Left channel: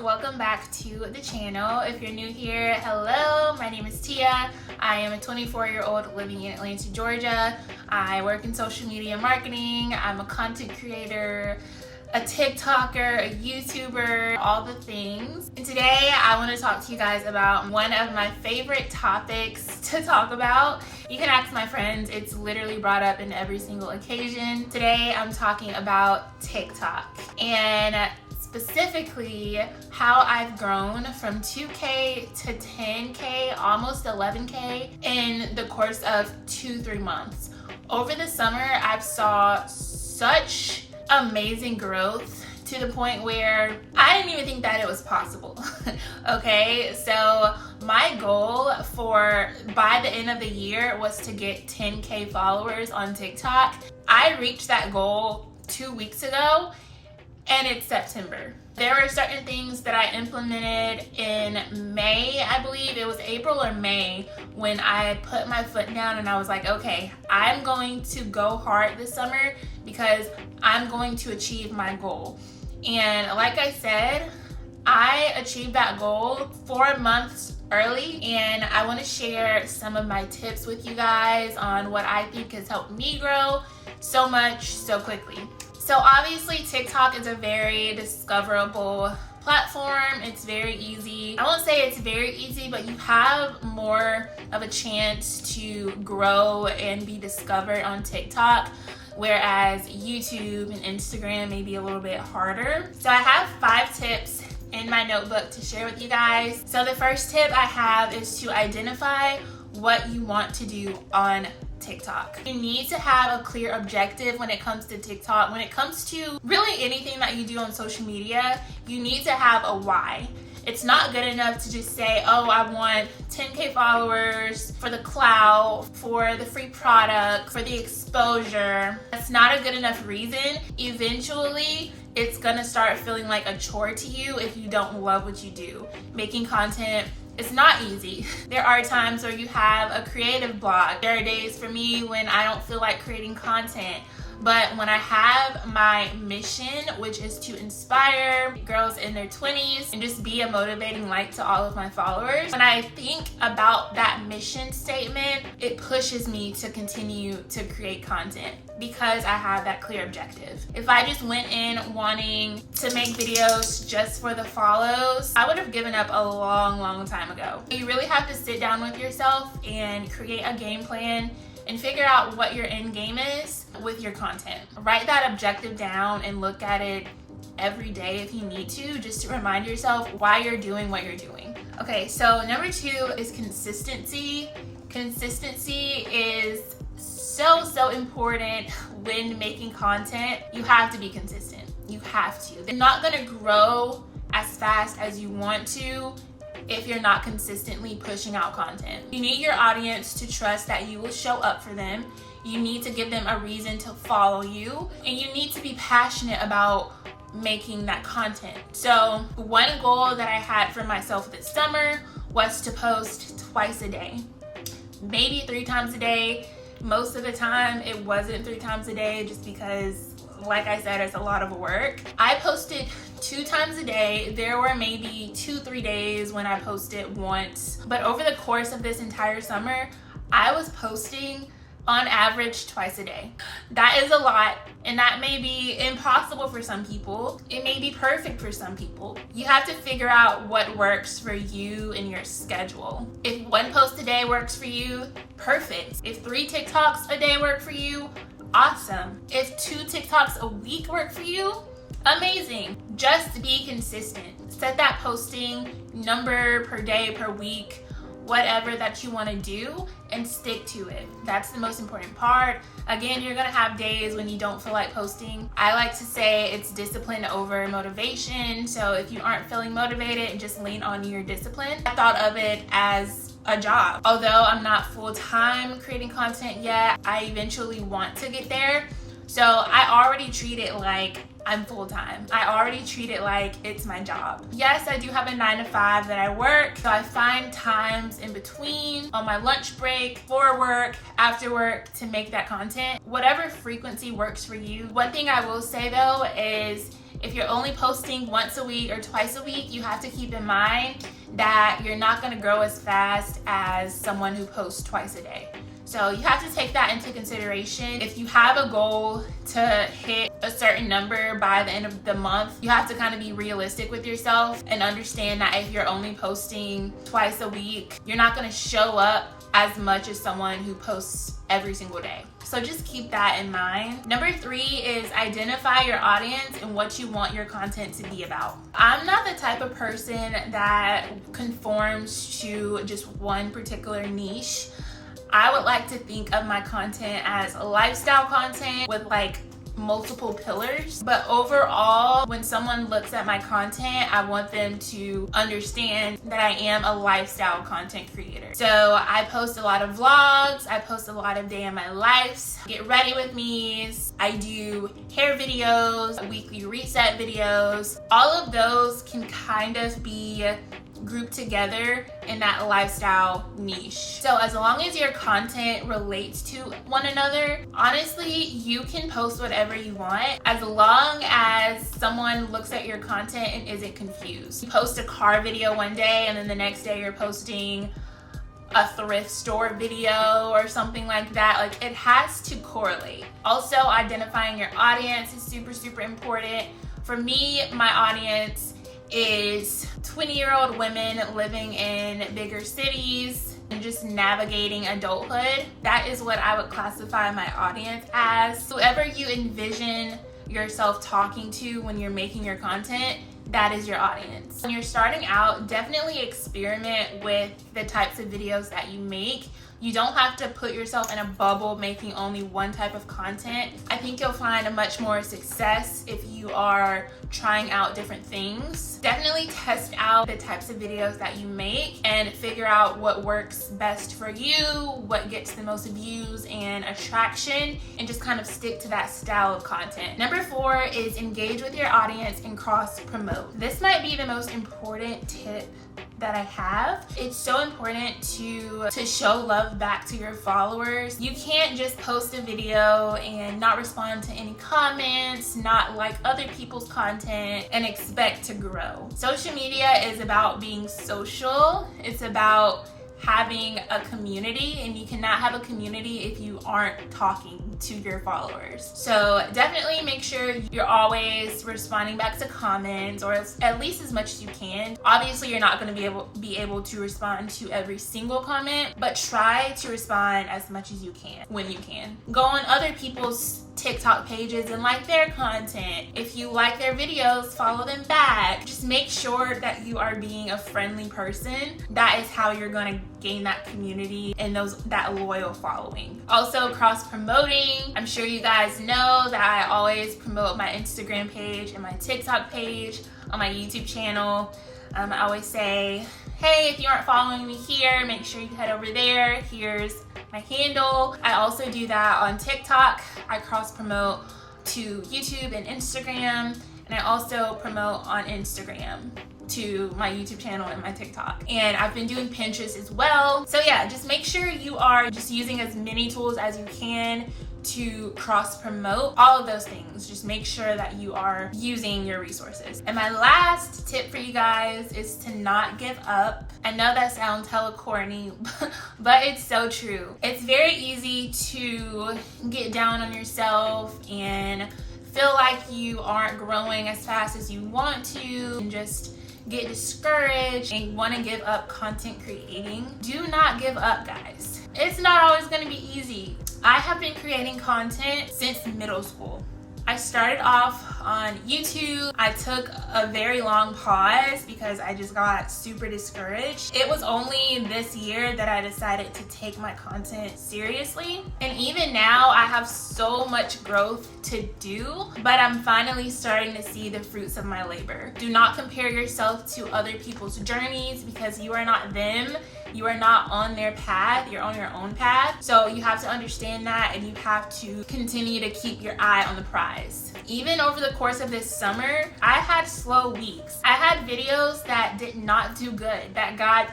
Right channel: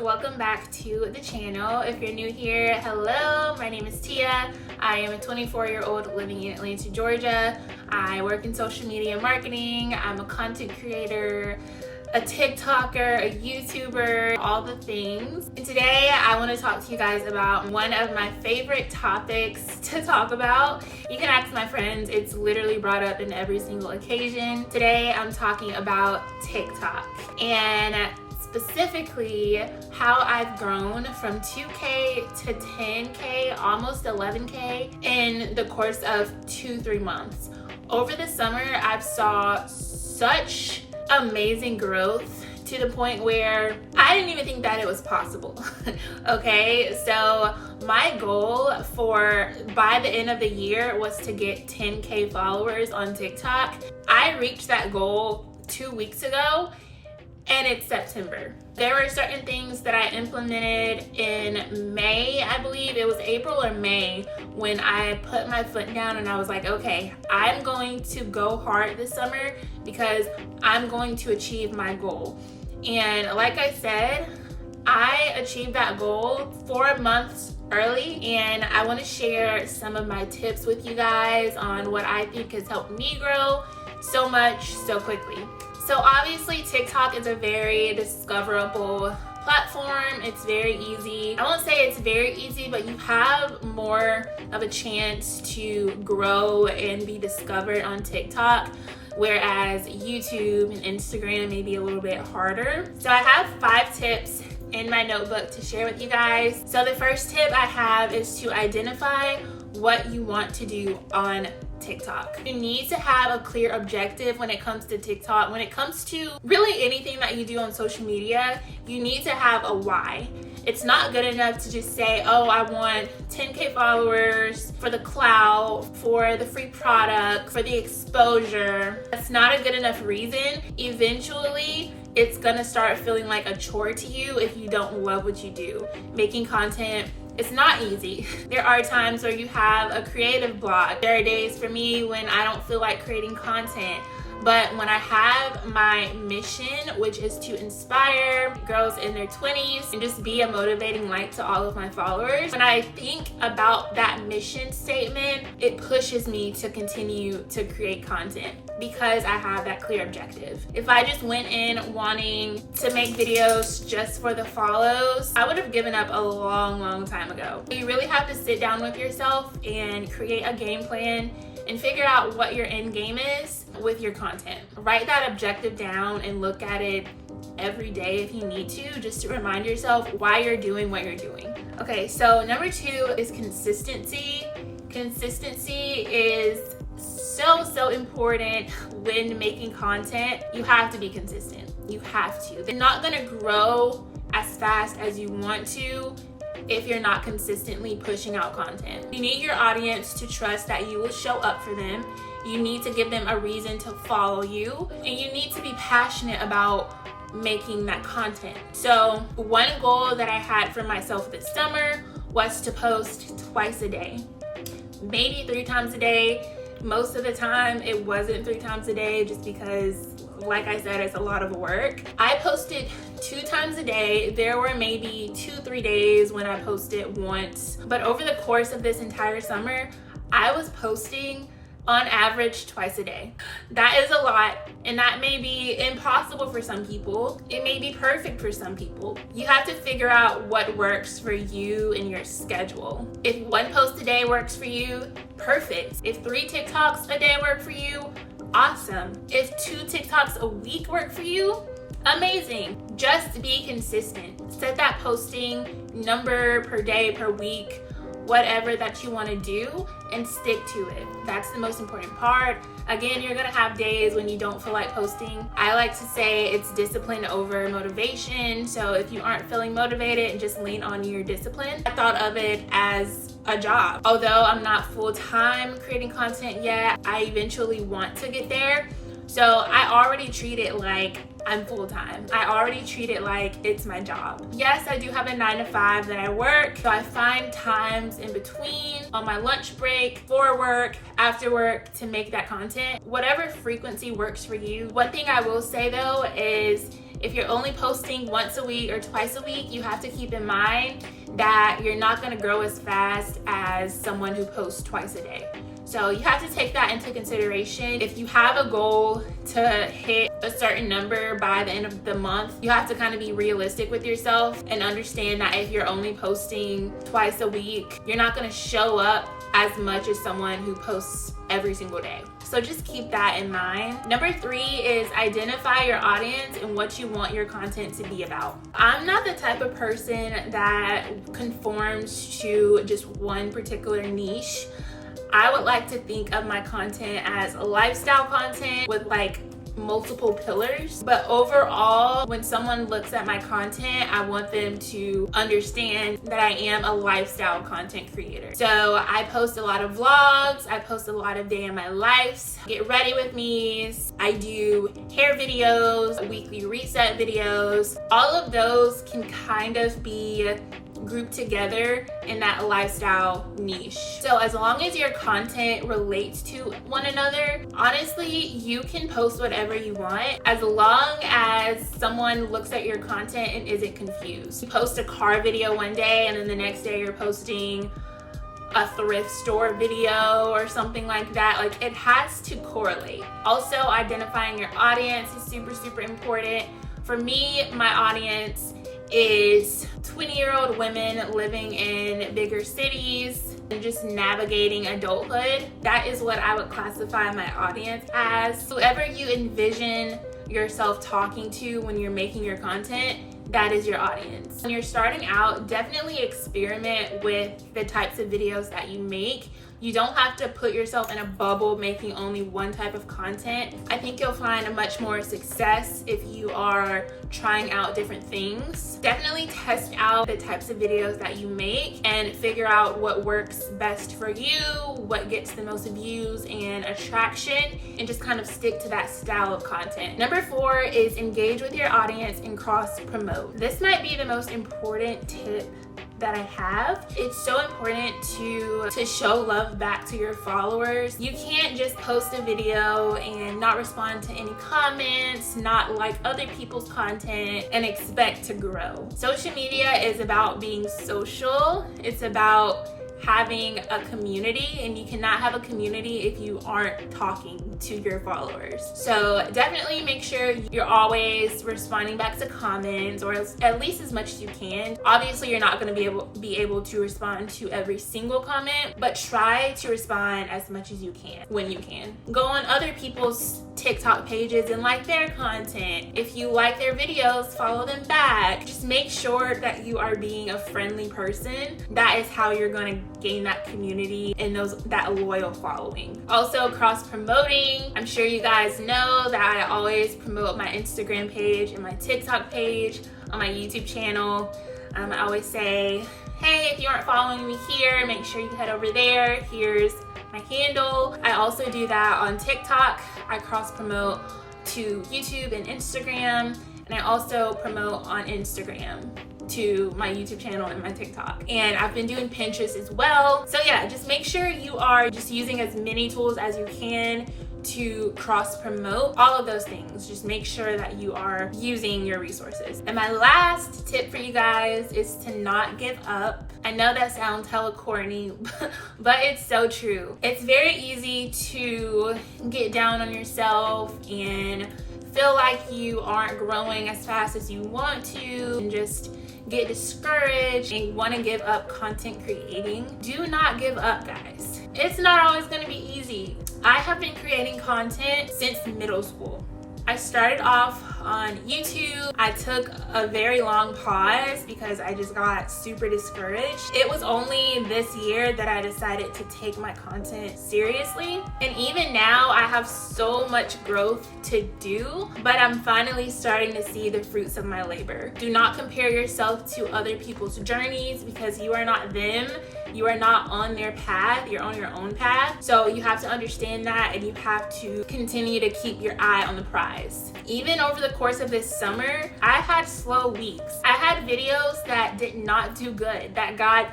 welcome back to the channel. If you're new here, hello, my name is Tia. I am a 24-year-old living in Atlanta, Georgia. I work in social media marketing. I'm a content creator, a TikToker, a YouTuber, all the things. And today I want to talk to you guys about one of my favorite topics to talk about. You can ask my friends, it's literally brought up in every single occasion. Today I'm talking about TikTok and specifically how I've grown from 2K to 10K, almost 11K in the course of 2-3 months. Over the summer, I've saw such amazing growth to the point where I didn't even think that it was possible. Okay, so my goal by the end of the year was to get 10K followers on TikTok. I reached that goal 2 weeks ago, and it's September. There were certain things that I implemented in May, I believe it was April or May, when I put my foot down and I was like, okay, I'm going to go hard this summer because I'm going to achieve my goal. And like I said, I achieved that goal 4 months early, and I want to share some of my tips with you guys on what I think has helped me grow so much so quickly. So obviously TikTok is a very discoverable platform. It's very easy. I won't say it's very easy, but you have more of a chance to grow and be discovered on TikTok, whereas YouTube and Instagram may be a little bit harder. So I have 5 tips in my notebook to share with you guys. So the first tip I have is to identify what you want to do on TikTok. You need to have a clear objective when it comes to TikTok. When it comes to really anything that you do on social media, you need to have a why. It's not good enough to just say, oh, I want 10K followers for the clout, for the free product, for the exposure. That's not a good enough reason. Eventually, it's gonna start feeling like a chore to you if you don't love what you do. Making content, it's not easy. There are times where you have a creative block. There are days for me when I don't feel like creating content. But when I have my mission, which is to inspire girls in their 20s and just be a motivating light to all of my followers, when I think about that mission statement, it pushes me to continue to create content because I have that clear objective. If I just went in wanting to make videos just for the follows, I would have given up a long time ago. You really have to sit down with yourself and create a game plan and figure out what your end game is with your content. Write that objective down and look at it every day if you need to, just to remind yourself why you're doing what you're doing. Okay, so number 2 is consistency. Consistency is so important when making content. You have to be consistent. You have to. They're not gonna grow as fast as you want to if you're not consistently pushing out content. You need your audience to trust that you will show up for them. You need to give them a reason to follow you, and you need to be passionate about making that content. So one goal that I had for myself this summer was to post twice a day, maybe 3 times a day. Most of the time it wasn't 3 times a day just because, like I said, it's a lot of work. I posted 2 times a day. There were maybe 2-3 days when I posted once, but over the course of this entire summer, I was posting on average twice a day. That is a lot, and that may be impossible for some people. It may be perfect for some people. You have to figure out what works for you and your schedule. If 1 post a day works for you, perfect. If 3 TikToks a day work for you, awesome. If 2 TikToks a week work for you, amazing. Just be consistent. Set that posting number per day, per week, whatever that you want to do, and stick to it. That's the most important part. Again, you're gonna have days when you don't feel like posting. I like to say it's discipline over motivation. So if you aren't feeling motivated, just lean on your discipline. I thought of it as a job. Although I'm not full-time creating content yet, I eventually want to get there. So I already treat it like I'm full-time. I already treat it like it's my job. Yes, I do have a 9-to-5 that I work, so I find times in between, on my lunch break, for work, after work, to make that content. Whatever frequency works for you. One thing I will say though is if you're only posting once a week or twice a week, you have to keep in mind that you're not going to grow as fast as someone who posts twice a day. So you have to take that into consideration. If you have a goal to hit a certain number by the end of the month, you have to kind of be realistic with yourself and understand that if you're only posting twice a week, you're not going to show up as much as someone who posts every single day. So just keep that in mind. Number 3 is identify your audience and what you want your content to be about. I'm not the type of person that conforms to just one particular niche. I would like to think of my content as a lifestyle content with like multiple pillars. But overall, when someone looks at my content, I want them to understand that I am a lifestyle content creator. So I post a lot of vlogs, I post a lot of day in my lives, get ready with me's, I do hair videos, weekly reset videos. All of those can kind of be grouped together in that lifestyle niche. So as long as your content relates to one another, honestly, you can post whatever you want as long as someone looks at your content and isn't confused. You post a car video one day and then the next day you're posting a thrift store video or something like that. Like, it has to correlate. Also, identifying your audience is super important. For me, my audience is 20-year-old women living in bigger cities and just navigating adulthood. That is what I would classify my audience as. Whoever you envision yourself talking to when you're making your content, that is your audience. When you're starting out, definitely experiment with the types of videos that you make. You don't have to put yourself in a bubble making only one type of content. I think you'll find a much more success if you are trying out different things. Definitely test out the types of videos that you make and figure out what works best for you, what gets the most views and attraction, and just kind of stick to that style of content. Number 4 is engage with your audience and cross promote. This might be the most important tip that I have. It's so important to show love back to your followers. You can't just post a video and not respond to any comments, not like other people's content, and expect to grow. Social media is about being social. It's about having a community, and you cannot have a community if you aren't talking to your followers. So definitely make sure you're always responding back to comments, or at least as much as you can. Obviously, you're not going to be able to respond to every single comment, but try to respond as much as you can when you can. Go on other people's TikTok pages and like their content. If you like their videos, follow them back. Just make sure that you are being a friendly person. That is how you're going to gain that community and that loyal following. Also, cross promoting. I'm sure you guys know that I always promote my Instagram page and my TikTok page on my YouTube channel. I always say, hey, if you aren't following me here, make sure you head over there. Here's my handle. I also do that on TikTok. I cross promote to YouTube and Instagram, and I also promote on Instagram to my YouTube channel and my TikTok. And I've been doing Pinterest as well. So yeah, just make sure you are just using as many tools as you can to cross promote all of those things. Just make sure that you are using your resources. And my last tip for you guys is to not give up. I know that sounds hella corny, but it's so true. It's very easy to get down on yourself and feel like you aren't growing as fast as you want to, and just get discouraged and want to give up content creating. Do not give up, guys. It's not always going to be easy. I have been creating content since middle school. I started off on YouTube. I took a very long pause because I just got super discouraged. It was only this year that I decided to take my content seriously. And even now, I have so much growth to do, but I'm finally starting to see the fruits of my labor. Do not compare yourself to other people's journeys, because you are not them. You are not on their path, you're on your own path. So you have to understand that, and you have to continue to keep your eye on the prize. Even over the course of this summer, I had slow weeks. I had videos that did not do good, that got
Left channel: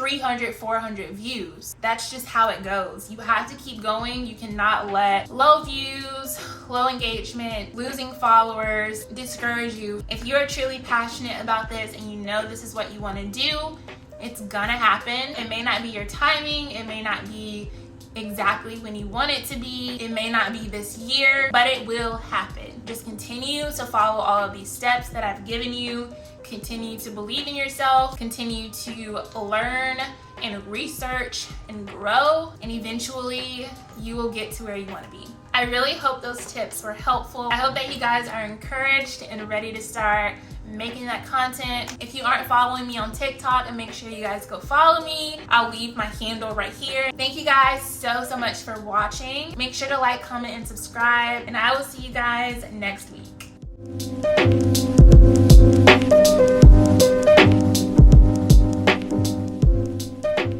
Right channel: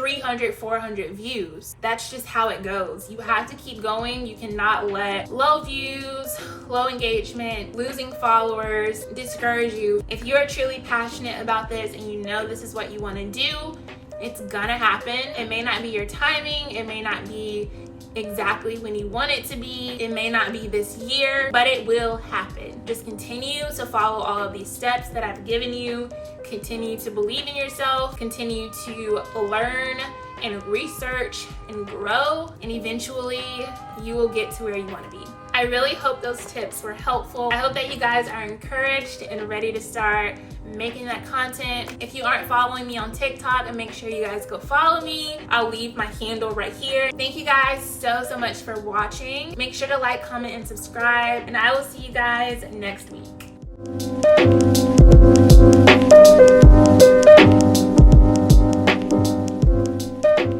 300, 400 views. That's just how it goes. You have to keep going. You cannot let low views, low engagement, losing followers discourage you. If you are truly passionate about this and you know this is what you want to do, it's gonna happen. It may not be your timing, it may not be exactly when you want it to be, it may not be this year, but it will happen. Just continue to follow all of these steps that I've given you. Continue to believe in yourself, continue to learn and research and grow, and eventually you will get to where you want to be. I really hope those tips were helpful. I hope that you guys are encouraged and ready to start making that content. If you aren't following me on TikTok, make sure you guys go follow me. I'll leave my handle right here. Thank you guys so much for watching. Make sure to like, comment, and subscribe, and I will see you guys next week.